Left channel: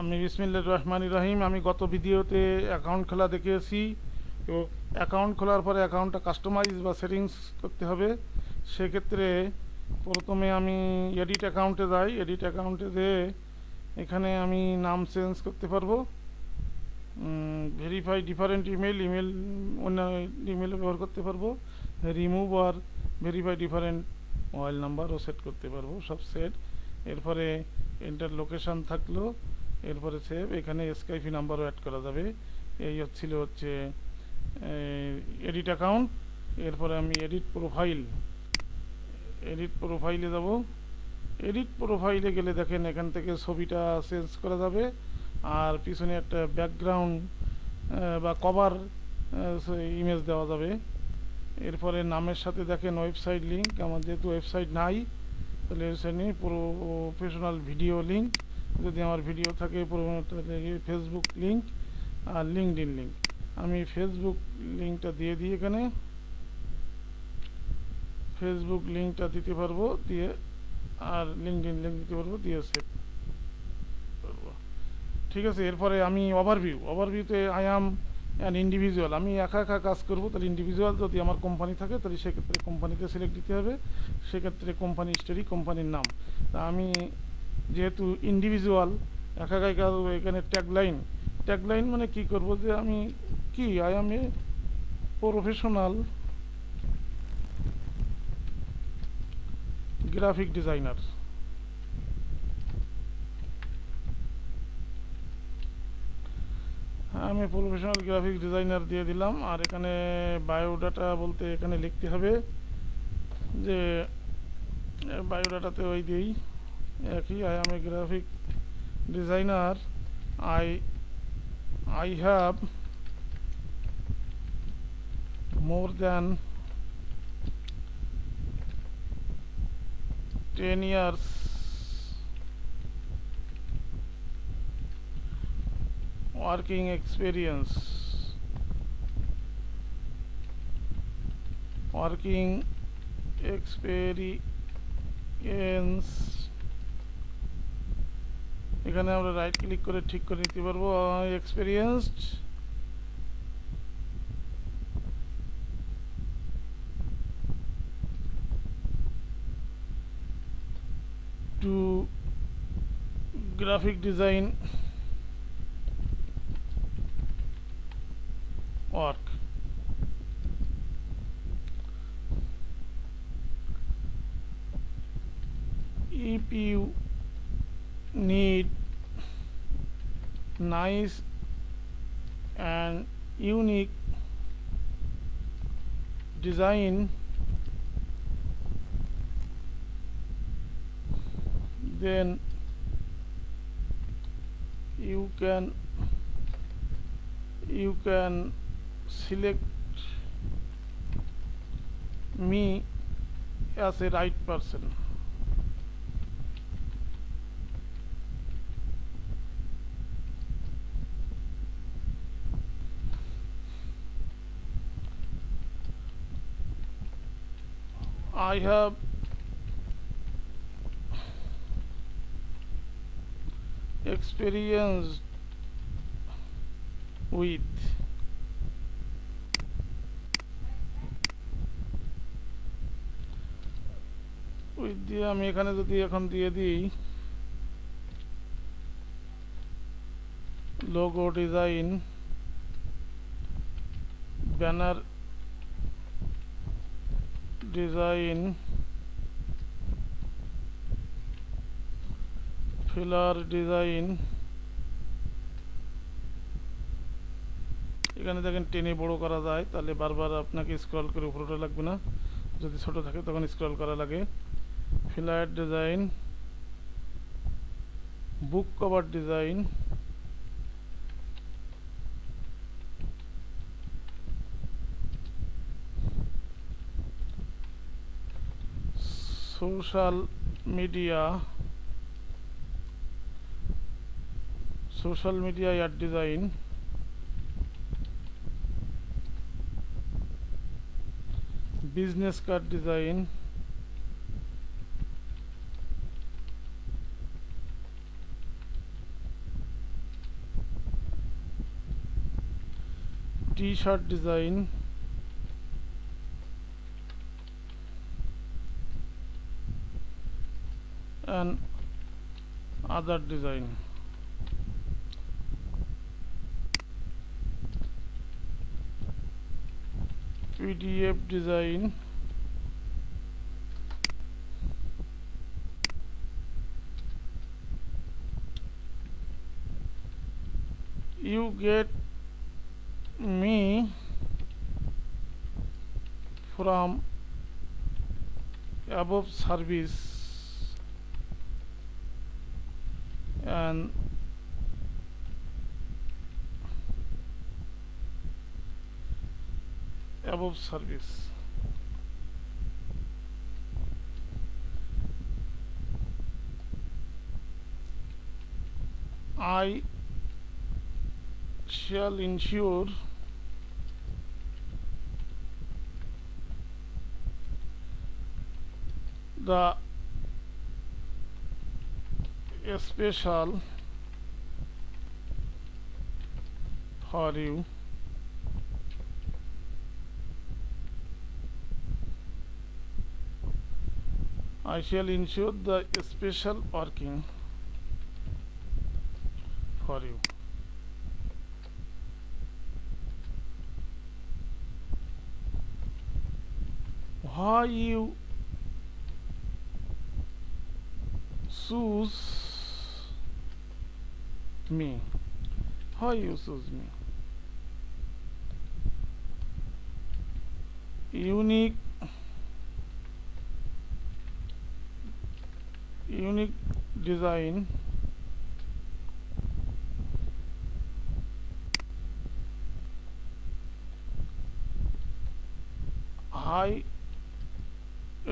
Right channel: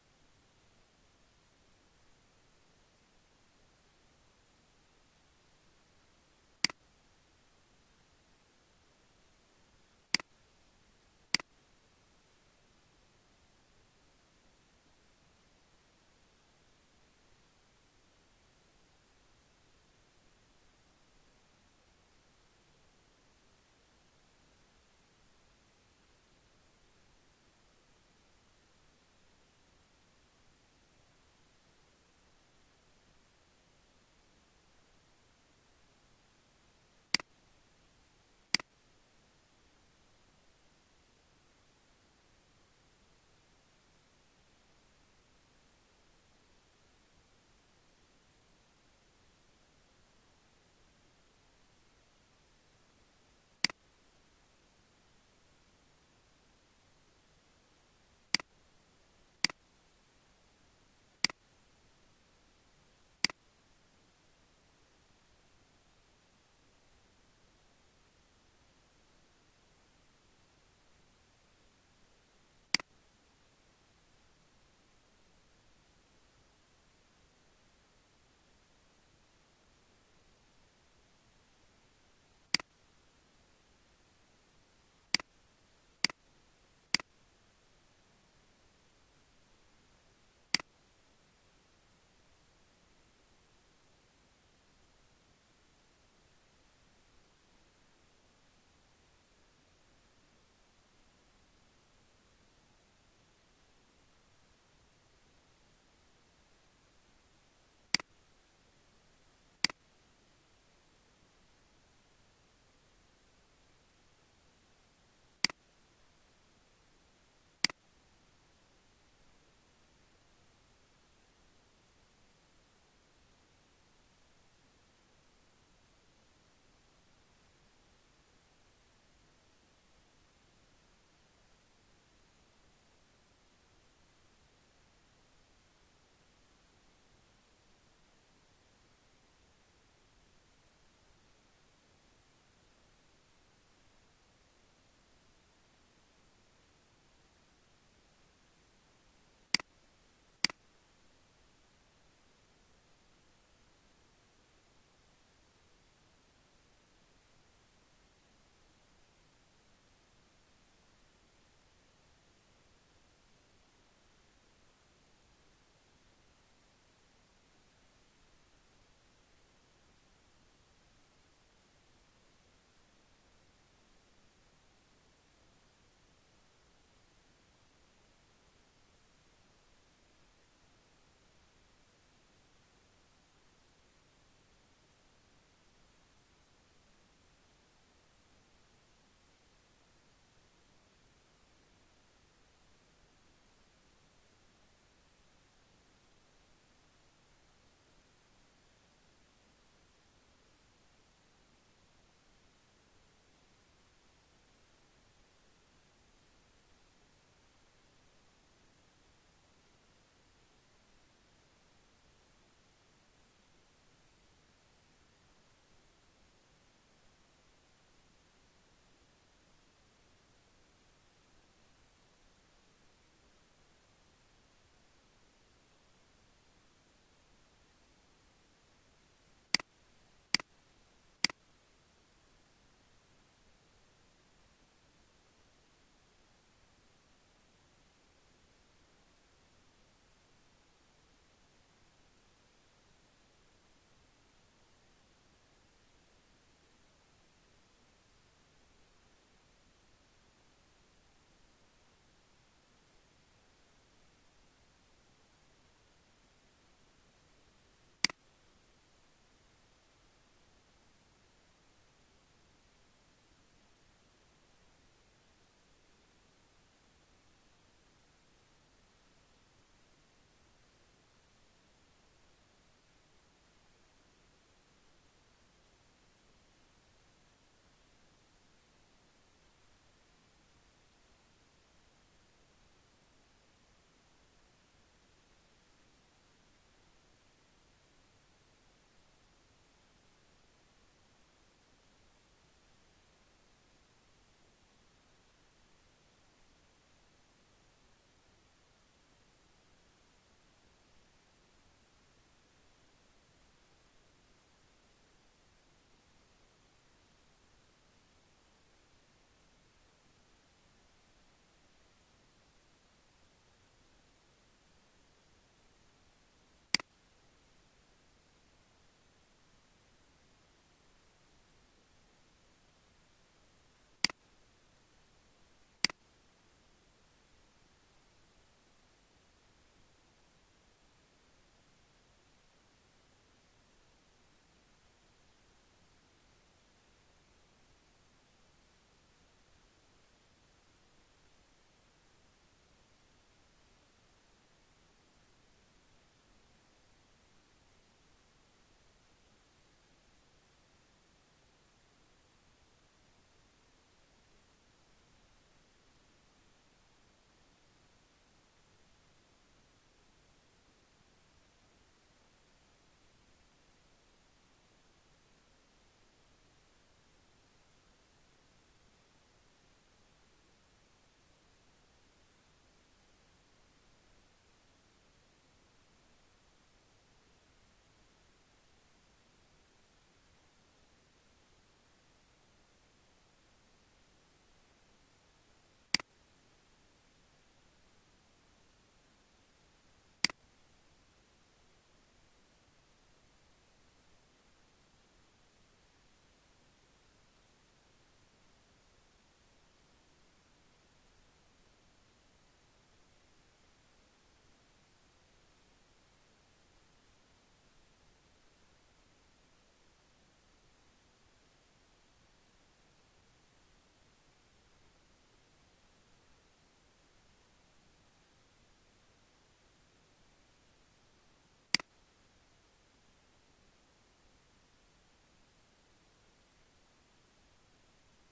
আমি বিসমিল্লাহির রহমানির রহিম। আমি গত ভিডিওতে অ্যাকাউন্ট খোলা দেখিয়েছি এবং অ্যাকাউন্ট খোলার পরে অ্যাকাউন্টটা কাস্টমাইজ বা সেটিংস করতে হবে। সেক্ষেত্রে প্রথমে আমি এডিট অ্যাকাউন্টে যাই। এডিট অ্যাকাউন্টে যেয়ে এখানে আমি নাম চেঞ্জ করতে পারবো। ভেরিফাই ডিফারেন্ট ইমেল অন্য ইমেল ব্যবহার করতে পারবো। রিমুভ আর ভেরিফাই ডিফারেন্ট মোবাইল নাম্বারও সেট করতে পারবো, সব সেট। এরপরে এন্টার লোকেশান থাকলো, এরপরে সেভ। এখানে স্কাইপি নাম্বারও অ্যাড করা যাবে। এই হচ্ছে এডিট অ্যাকাউন্ট। এরপরে আমি এডিট প্রোফাইলে যাব। এডিট প্রোফাইলে গেলে দেখেন এখান থেকে ছবিটা চেঞ্জ করা যাবে, আর পিছনে একটা ব্যাকগ্রাউন্ড বা কভার ইমেজ দেওয়া যাবে। এরপরে নামের সাথে দেখেন ওয়েবসাইট লিঙ্ক। আমার যেহেতু ওয়েবসাইট নাই, তাহলে ওয়েবসাইট নেই। প্রফেশনাল ভিডিও লিঙ্ক, যদি আমার ভিডিও থাকে ফেসবুক লিঙ্ক আর লিঙ্কডইন লিঙ্ক। আমি ফেসবুক লিঙ্কটা দিয়ে দিই। এখানে ফেসবুক লিঙ্কটা দিতে পারবো, দিয়ে আর লিঙ্কডইন লিঙ্ক দিতে পারবো, দিয়ে সেভ করবো। ঠিক আছে। এরপরে আমি ওভারভিউতে আই অ্যাম অ্যান ইন্ডিভিজুয়াল। আমি একা একা কাজ করবো, তাহলে ইন্ডিভিজুয়াল। যদি আমার কোম্পানি থাকে তাহলে সেক্ষেত্রে কোম্পানিতে সিলেক্ট দিতে হবে। সেক্ষেত্রে কোম্পানি স্টোরি, কোম্পানির নাম। তা আমি যেহেতু ইন্ডিভিজুয়াল, একা একাই কাজ, এখানে ট্যাগলাইন মানে কি করব, যে আমি কি I am a professional graphic designer. আমি প্রফেশনাল গ্রাফিক ডিজাইনার দিয়ে দিলাম। আর এখানে বায়োডাটা বলতে এখানে লিখতে হবে যে বায়োডাটাতে ওই দিই একই, I M A graphic designer, I I have more than 10 years working experience এখানে আমরা রাইট ক্লিক করে ঠিক করে নিতে পারবো। Experienced to graphic design work. If you need nice and unique design, then you can select me as a right person. I have experience with দিয়ে আমি এখানে যদি এখন দিয়ে দিই logo design, banner design, flyer design, এখানে দেখেন টেনে বড় করা যায়, তাহলে বারবার আপনাকে স্ক্রল করে উপরে লাগবে না। যদি ছোট থাকে তখন স্ক্রল করা লাগে। Flyer design, book cover design, social media ad design, business card design, t-shirt design and other design. PDF design, you get me from above service and above service. I shall ensure the special for you. I shall ensure the special parking for you. Why you choose me? Why you choose me? Unique design high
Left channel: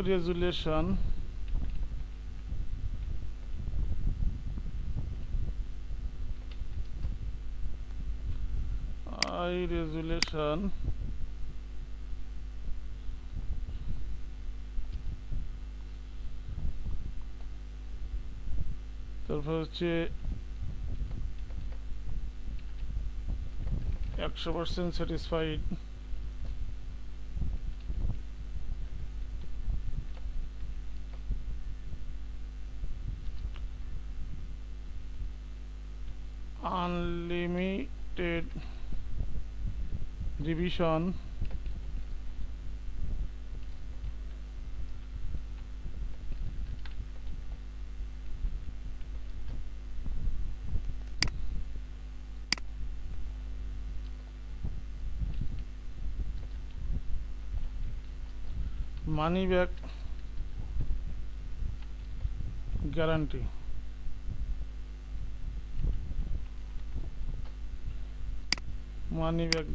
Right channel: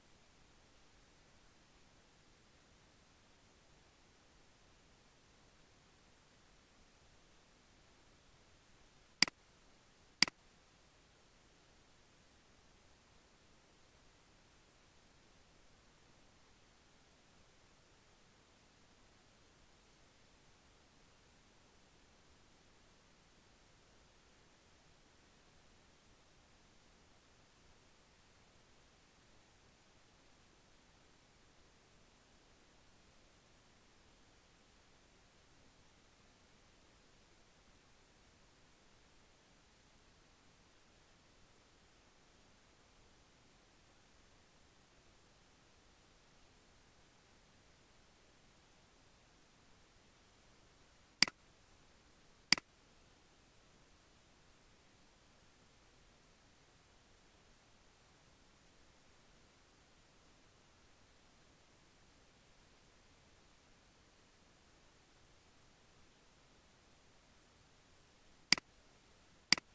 resolution তারপর হচ্ছে 100% satisfied unlimited revision money back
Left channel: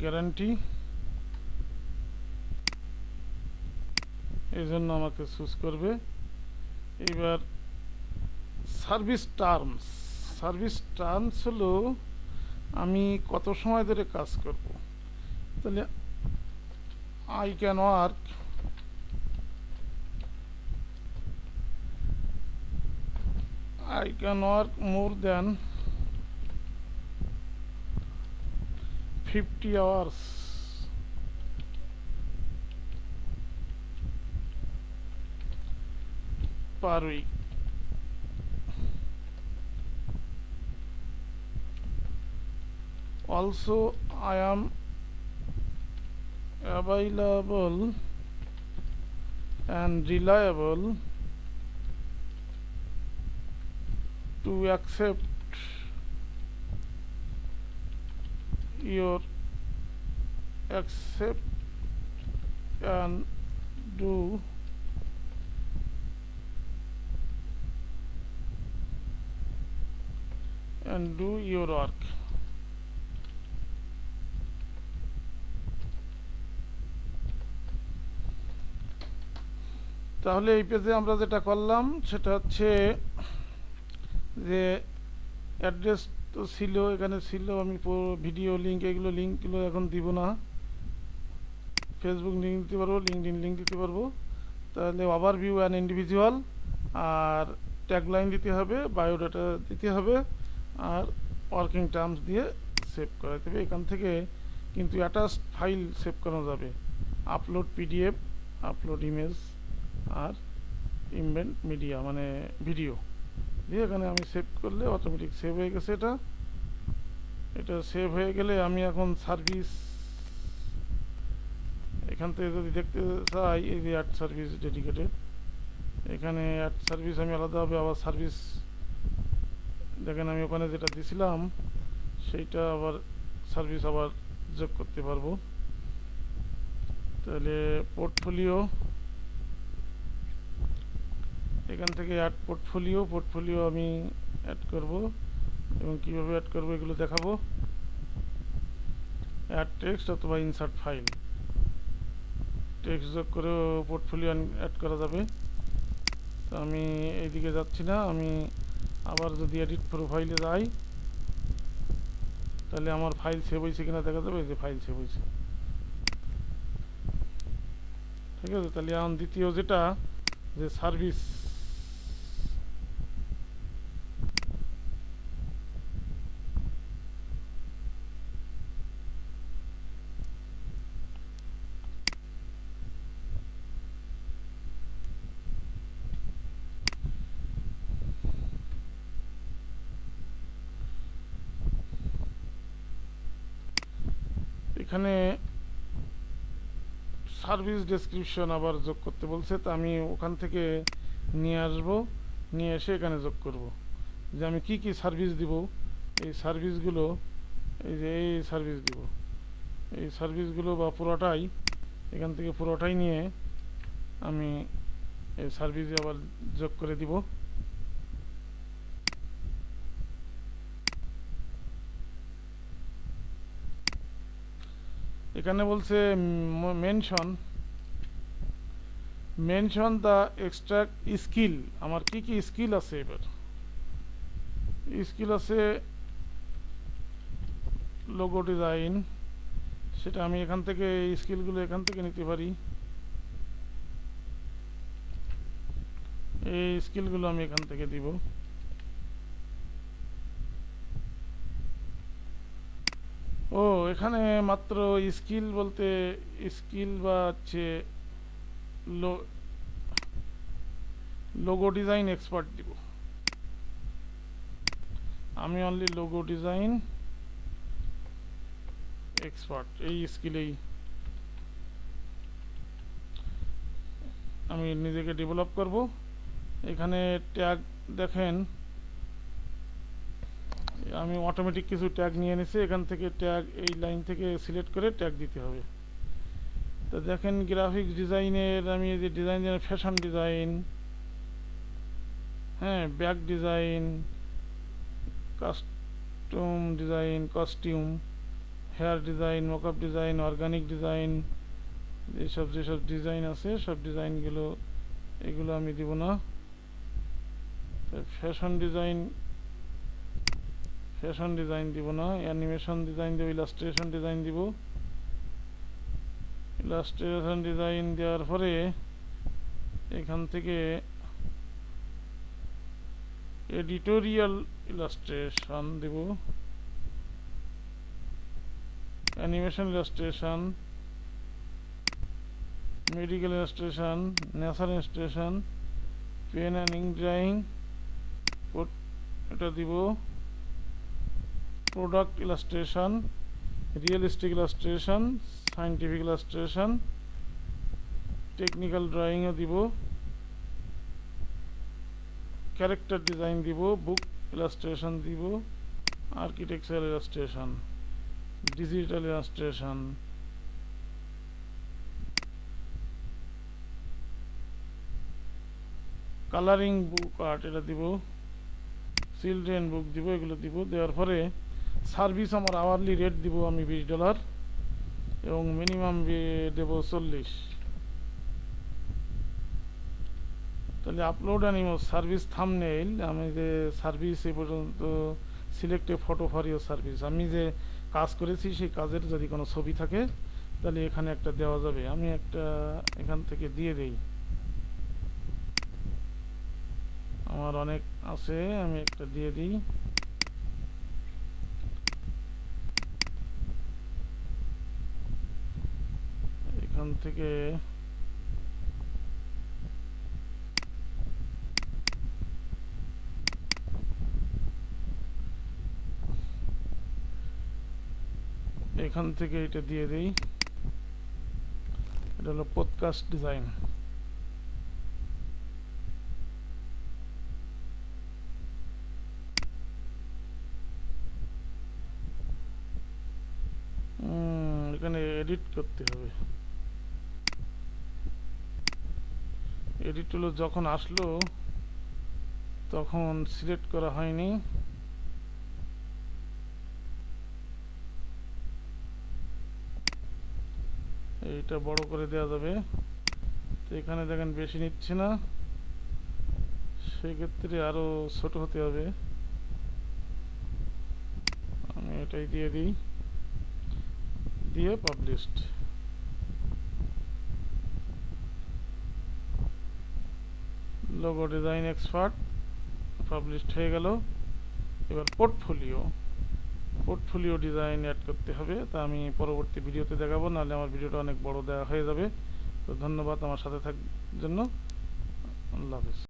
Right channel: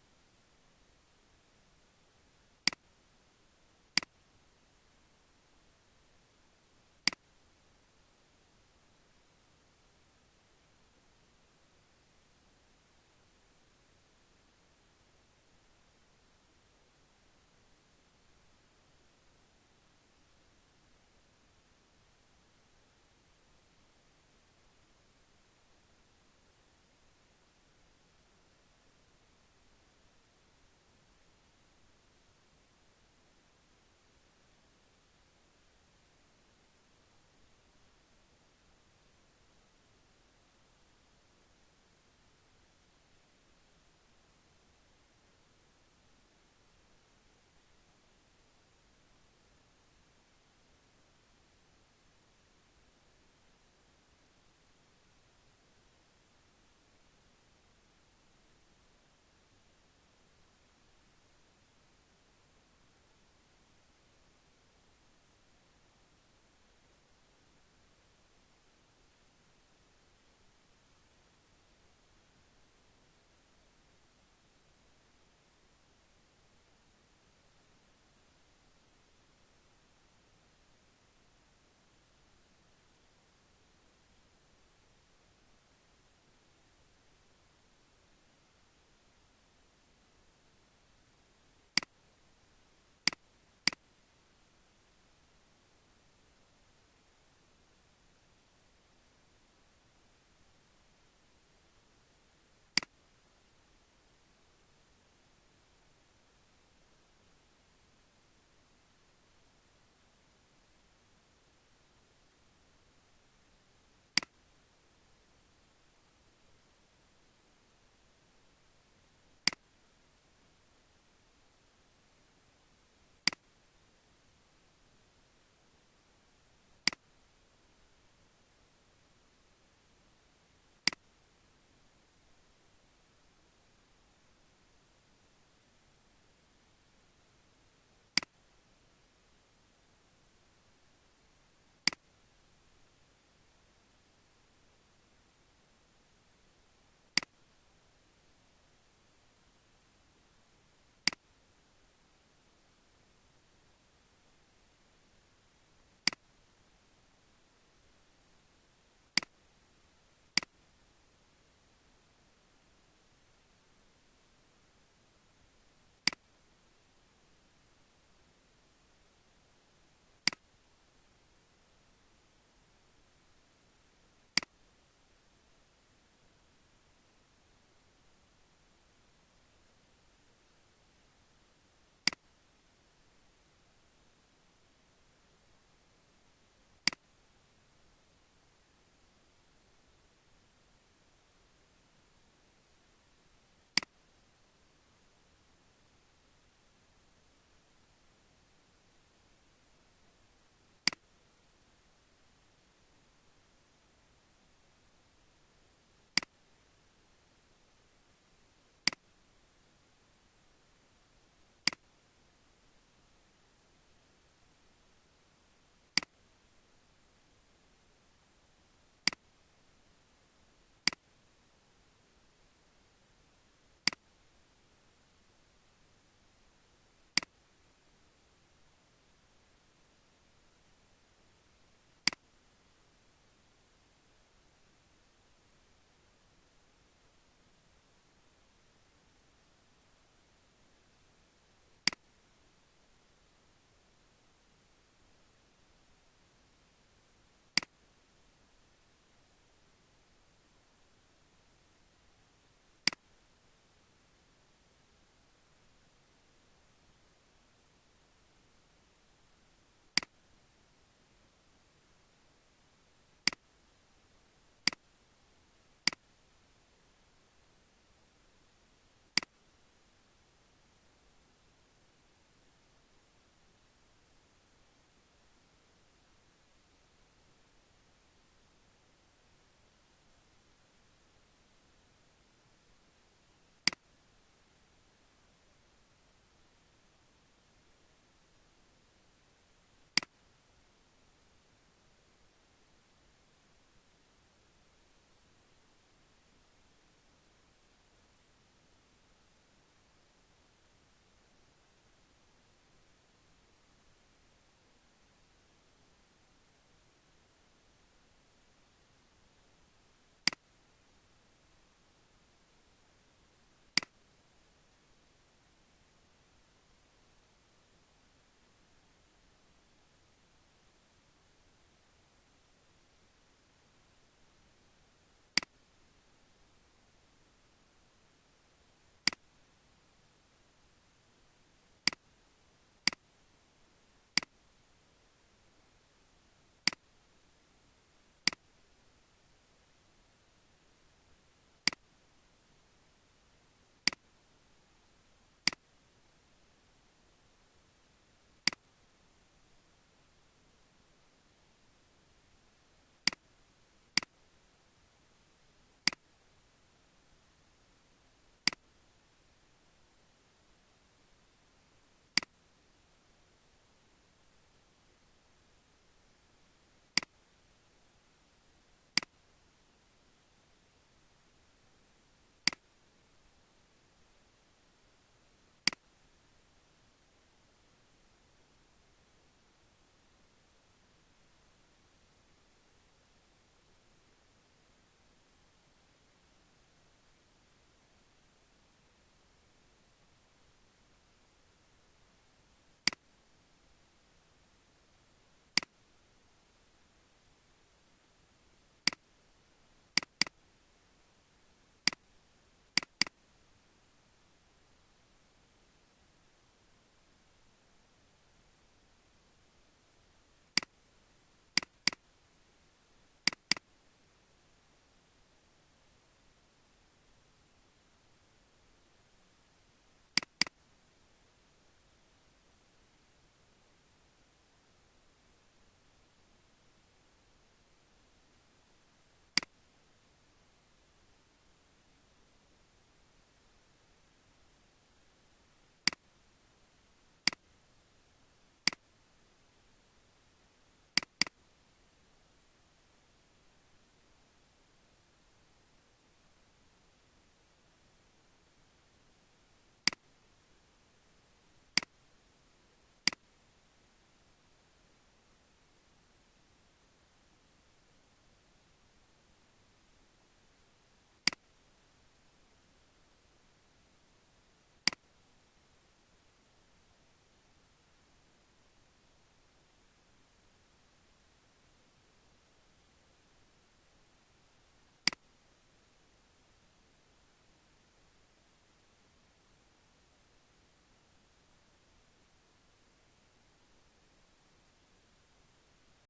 guarantee এই জন্য আমাকে চুজ করবে। এবার service terms হলো আমি কত সময় ধরে কাজ করব। তাহলে I can work more than 50 hours per week. Also, I am available and reliable to accept and do your work. তাহলে এই পেজে আমরা যেটা করলাম সেটা হচ্ছে যে অ্যাড্রেস তো ছিল, এখানে ছিল, আমি ভিডিও লিঙ্ক লিঙ্কগুলো এখন দিব না। ফেসবুক লিঙ্ক দিতে পারবো, লিঙ্কডইন লিঙ্ক দিতে পারবো। তাহলে ওভারভিউ অ্যান্ড ইন্ডিভিজুয়াল আর ট্যাগলাইন দিতে হবে, বায়োডাটা দিতে হবে আর ওয়ার্কিং টার্মস দিয়ে সেভ করাতে হবে। এখান থেকে কিন্তু অ্যাটাচ ফাইল সেভ করানো যাবে। আপলোড পিডিএফ, আপলোড ইমেজ, আর ইমবেড মিডিয়া মানে ভিডিও দিয়ে এখানে আমি সেভ করলে অটোমেটিক সেভ হয়ে গেছে। এটা এটা সেভ হয়ে গেলে আমি এখন সার্ভিস এখান থেকে যদি দেখতে চাই, এই যে অ্যাড সার্ভিস ডেডিকেটেড, এখানে অ্যাড সার্ভিস আমি আলাদাভাবে আবার সার্ভিস, দেখেন আমি ওখানে যেটা দিছিলাম সেইটা আবার সার্ভিস আবার যোগ করতে পারবো। তাহলে পোর্টফোলিও, এখান থেকে অ্যাড পোর্টফোলিও আমি অ্যাড করব এবং কীভাবে অ্যাড করবো এগুলো দেখাবো। অ্যাড টেক্সট অথবা ইনসার্ট ফাইল, টেক্সট যোগ করেও পোর্টফোলিও অ্যাড করা যাবে। তো আমি এইদিকে যাচ্ছি না, আমি আবার যদি এডিট প্রোফাইলে যাই তাহলে আমার ফাইল সেভ হয়েছে কিনা দেখা যাবে, যে ফাইল সেভ হয়েছে। ঠিক আছে, তাহলে এখন দ্বিতীয় যেটা যে সার্ভিস, এখানে সার্ভিস ডেসক্রিপশন আবার যোগ করতে বলছে, তো আমি ওখান থেকে নিয়ে আসব, নিয়ে এসে এখানে যোগ করব যে আমি কি কি সার্ভিস দিব। এই সার্ভিসগুলো, এই যে এই সার্ভিস দিব, এই সার্ভিসগুলো বা পুরোটাই এখান থেকে পুরোটাই নিয়ে আমি এই সার্ভিসে আবার যোগ করে দিব। এখানে বলছে মেনশন দ্য এক্সট্রাক্ট স্কিল, আমার কি কি স্কিল আছে। এবার স্কিল আছে লোগো ডিজাইন, সেটা আমি এখান থেকে এই স্কিলগুলো এখান থেকে নিতে পারি। এই স্কিলগুলো আমি এখান থেকে দিব। ও এখানে মাত্র স্কিল বলতে স্কিল বা হচ্ছে লোগো ডিজাইন এক্সপার্ট দিব। আমি অনলি লোগো ডিজাইন এক্সপার্ট এই স্কিলেই আমি নিজেকে ডেভেলপ করব। এখানে ট্যাগ দেখেন, আমি অটোমেটিক কিছু ট্যাগ নিয়ে নিছি, এখান থেকে ট্যাগ এই লাইন থেকে সিলেক্ট করে ট্যাগ দিতে হবে। তো দেখেন গ্রাফিক্স ডিজাইনের আমি এই যে ডিজাইন, ফ্যাশন ডিজাইন, হ্যাঁ back design, costume, hair design, mockup design, organic design, যেসব ডিজাইন আছে সব ডিজাইনগুলো, এগুলো আমি দিব না। ফ্যাশন ডিজাইন দিব না, অ্যানিমেশন ডিজাইন দেব, ইলাস্ট্রেশন ডিজাইন দিব। ইলাস্ট্রেশন ডিজাইন দেওয়ার পরে এখান থেকে এডিটোরিয়াল ইলাস্ট্রেশন দেব, animation illustration, medical illustration, nature illustration, pen and ink drawing, এটা দিব, product illustration, realistic illustration, scientific illustration, technical ড্রয়িংও দিব, ক্যারেক্টার ডিজাইন দিব, বুক ইলাস্ট্রেশন দিব, architectural illustration, digital illustration, colouring book art এটা দিব, চিলড্রেন বুক দিব, এগুলো দিব। দেওয়ার পরে সার্ভিস আমার আওয়ারলি রেট দিব আমি $20 এবং মিনিমাম দেব 40। তাহলে আপলোড অ্যানিমো সার্ভিস থাম্বনেইল, আমি যে সার্ভিস এ পর্যন্ত সিলেক্ট এ ফটো ফর ইওর সার্ভিস, আমি যে কাজ করেছি সেই কাজের যদি কোনো ছবি থাকে তাহলে এখানে একটা দেওয়া যাবে। আমি একটা এখান থেকে দিয়ে দেই, আমার অনেক আছে, আমি একটা দিয়ে দিই। এখান থেকে এটা দিয়ে দেই। এটা হলো পডকাস্ট ডিজাইন। এখানে এডিট করতে হবে। এডিট হলো যখন আসলো তখন সিলেক্ট করা হয়নি। এইটা বড় করে দেওয়া যাবে। তো এখানে দেখেন বেশি নিচ্ছে না, সেক্ষেত্রে আরো ছোট হতে হবে। আমি এটাই দিয়ে দিই, দিয়ে published. Logo design expert published হয়ে গেল। এবার পোর্টফোলিও ডিজাইন অ্যাড করতে হবে। তা আমি পরবর্তী ভিডিওতে দেখাবো, নাহলে আমার ভিডিওটা অনেক বড় দেওয়া হয়ে যাবে। তো ধন্যবাদ আমার সাথে থাকার জন্য। আল্লাহ হাফেজ।